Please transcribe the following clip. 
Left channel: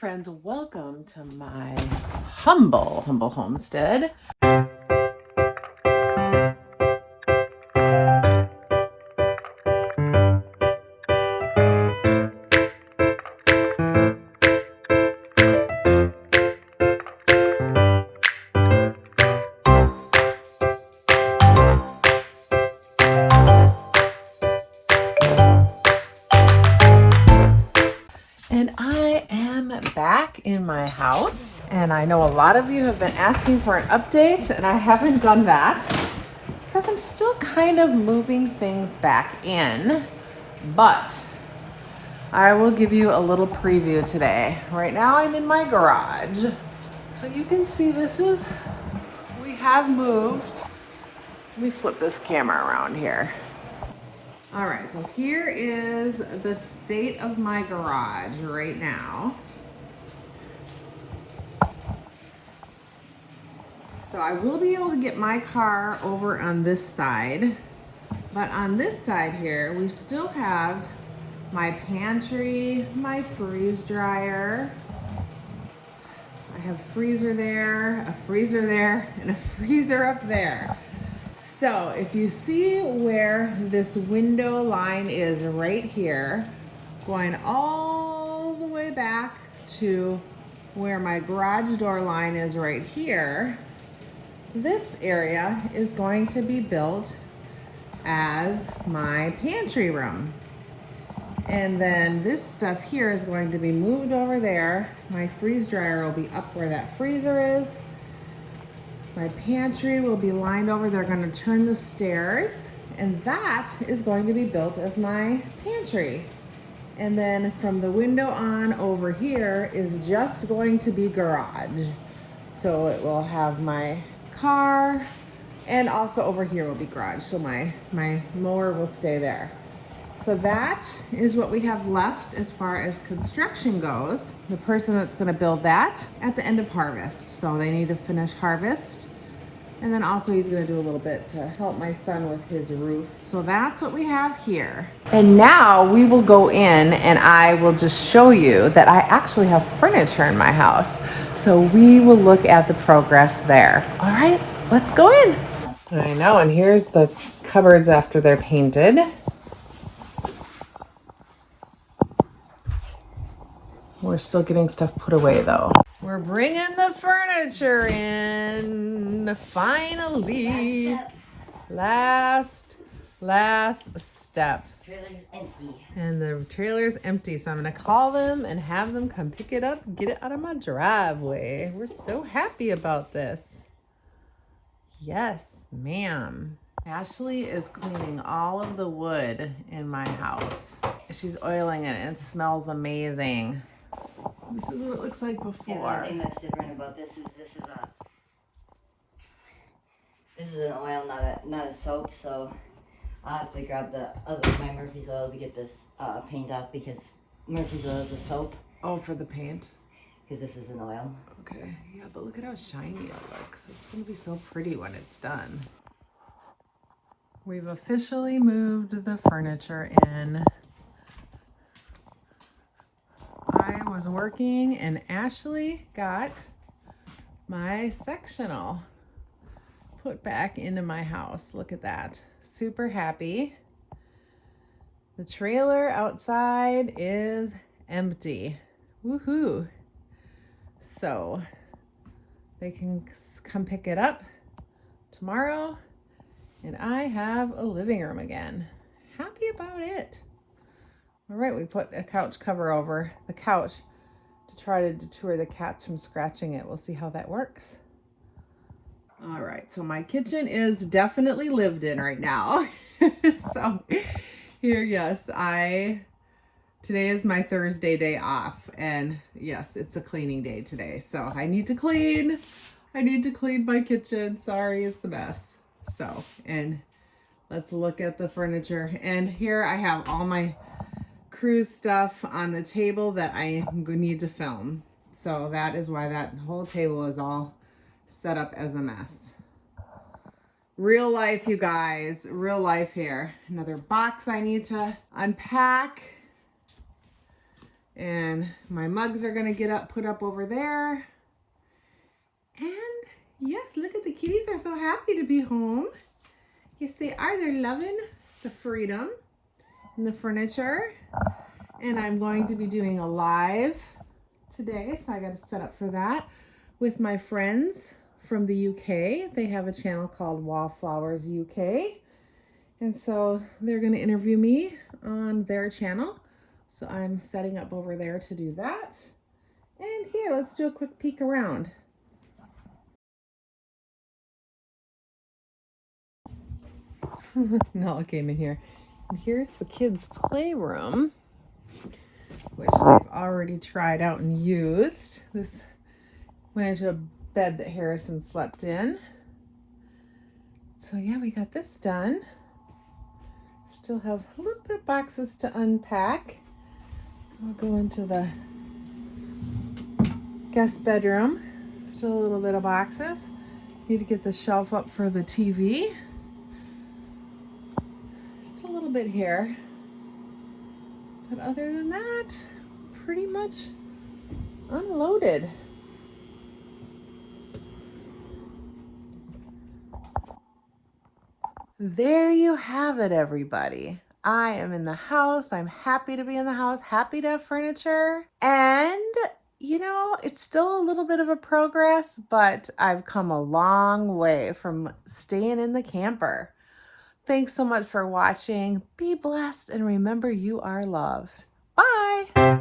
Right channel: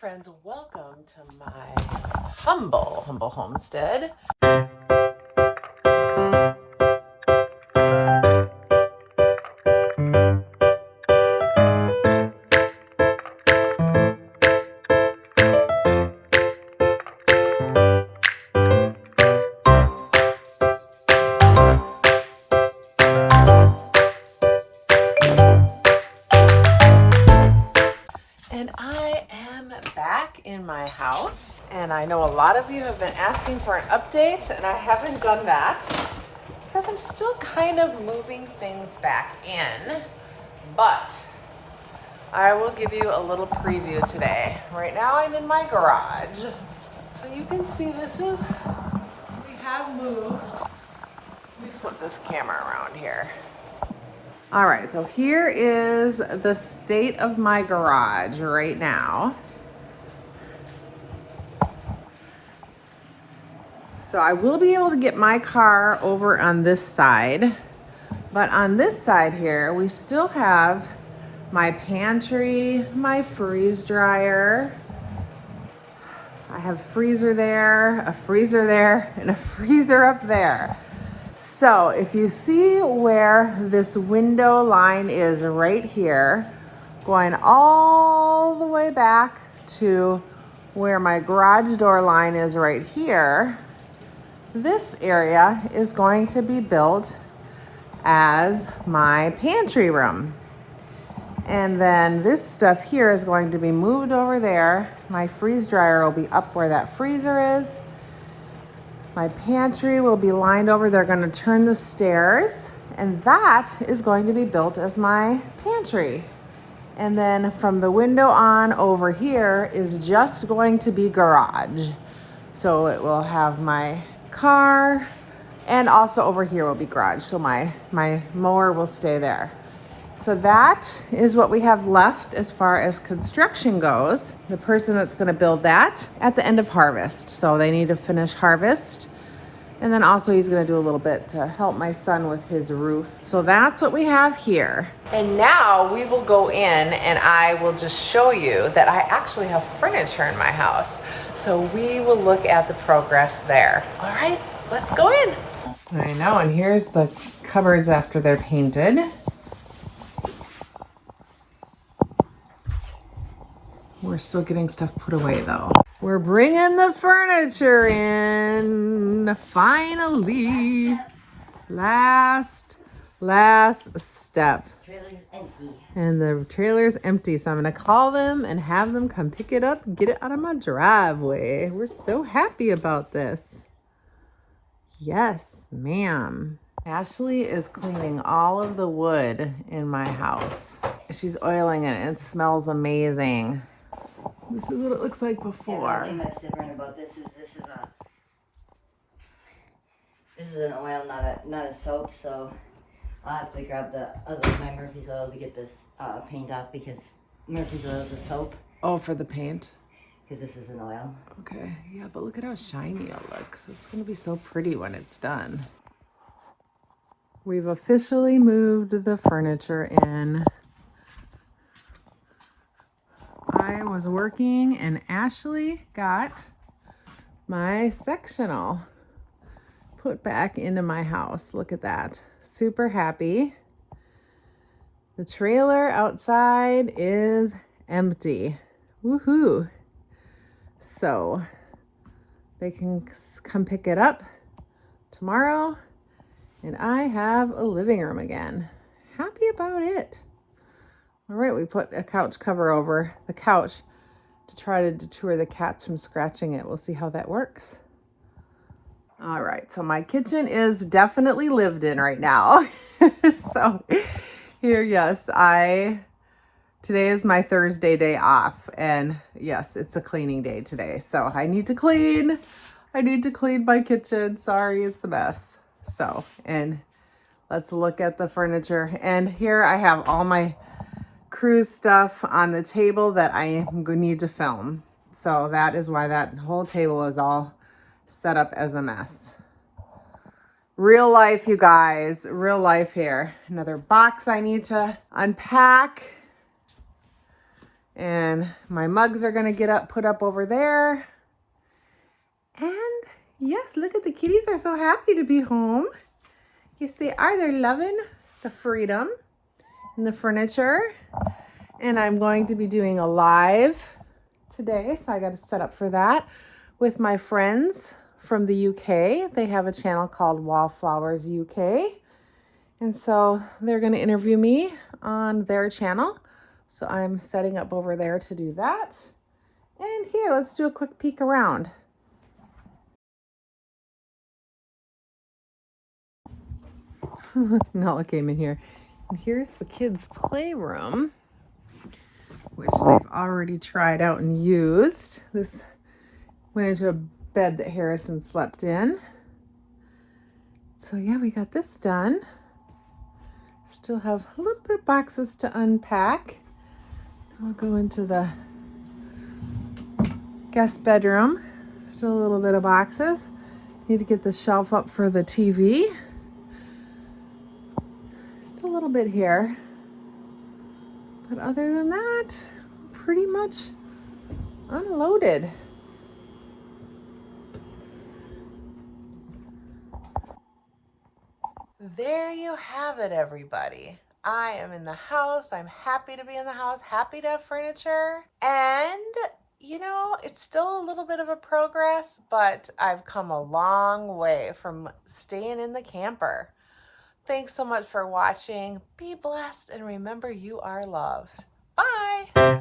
friends, welcome to my humble homestead. And I am back in my house, and I know a lot of you have been asking for an update, and I haven't done that because I'm still kind of moving things back in, but I will give you a little preview today. Right now I'm in my garage, so you can see we have moved. Let me flip this camera around here. All right, so here is the state of my garage right now. So I will be able to get my car over on this side, but on this side here, we still have my pantry, my freeze dryer. I have freezer there, a freezer there, and a freezer up there. So if you see where this window line is right here, going all the way back to where my garage door line is right here, this area is going to be built as my pantry room. And then this stuff here is going to be moved over there. My freeze dryer will be up where that freezer is. My pantry will be lined over. They're going to turn the stairs, and that is going to be built as my pantry. And then from the window on over here is just going to be garage. So it will have my car, and also over here will be garage. So my mower will stay there. So that is what we have left as far as construction goes. The person that's going to build that at the end of harvest. So they need to finish harvest. And then also he's going to do a little bit to help my son with his roof. So that's what we have here. And now we will go in and I will just show you that I actually have furniture in my house. So we will look at the progress there. All right, let's go in. I know, and here's the cupboards after they're painted. We're still getting stuff put away though. We're bringing the furniture in, finally. Last step. Trailer's empty. And the trailer's empty, so I'm gonna call them and have them come pick it up and get it out of my driveway. We're so happy about this. Yes, ma'am. Ashley is cleaning all of the wood in my house. She's oiling it and it smells amazing. This is what it looks like before. Yeah, the thing that's different about this is an oil, not a soap. So I'll have to grab my Murphy's oil to get this paint off, because Murphy's oil is a soap. Oh, for the paint? Because this is an oil. Okay, yeah, but look at how shiny it looks. It's gonna be so pretty when it's done. We've officially moved the furniture in. I was working and Ashley got my sectional put back into my house. Look at that. Super happy. The trailer outside is empty. Woohoo. So they can come pick it up tomorrow and I have a living room again. Happy about it. All right, we put a couch cover over the couch to try to deter the cats from scratching it. We'll see how that works. All right, so my kitchen is definitely lived in right now. So here, yes, today is my Thursday day off, and yes, it's a cleaning day today. So I need to clean my kitchen. Sorry, it's a mess. So, and let's look at the furniture. And here I have all my cruise stuff on the table that I need to film. So that is why that whole table is all set up as a mess. Real life, you guys, real life here. Another box I need to unpack. And my mugs are gonna get put up over there. And yes, look at the kitties are so happy to be home. Yes, they are. They're loving the freedom and the furniture. And I'm going to be doing a live today, so I got to set up for that with my friends from the UK. They have a channel called Wallflowers UK. And so they're going to interview me on their channel. So I'm setting up over there to do that. And here, let's do a quick peek around. Nala came in here. And here's the kids' playroom, which they've already tried out and used. This went into a bed that Harrison slept in. So yeah, we got this done. Still have a little bit of boxes to unpack. I'll go into the guest bedroom. Still a little bit of boxes. Need to get the shelf up for the TV. Still a little bit here. But other than that, pretty much unloaded. There you have it, everybody. I am in the house. I'm happy to be in the house, happy to have furniture. And, you know, it's still a little bit of a progress, but I've come a long way from staying in the camper. Thanks so much for watching. Be blessed and remember you are loved. Bye.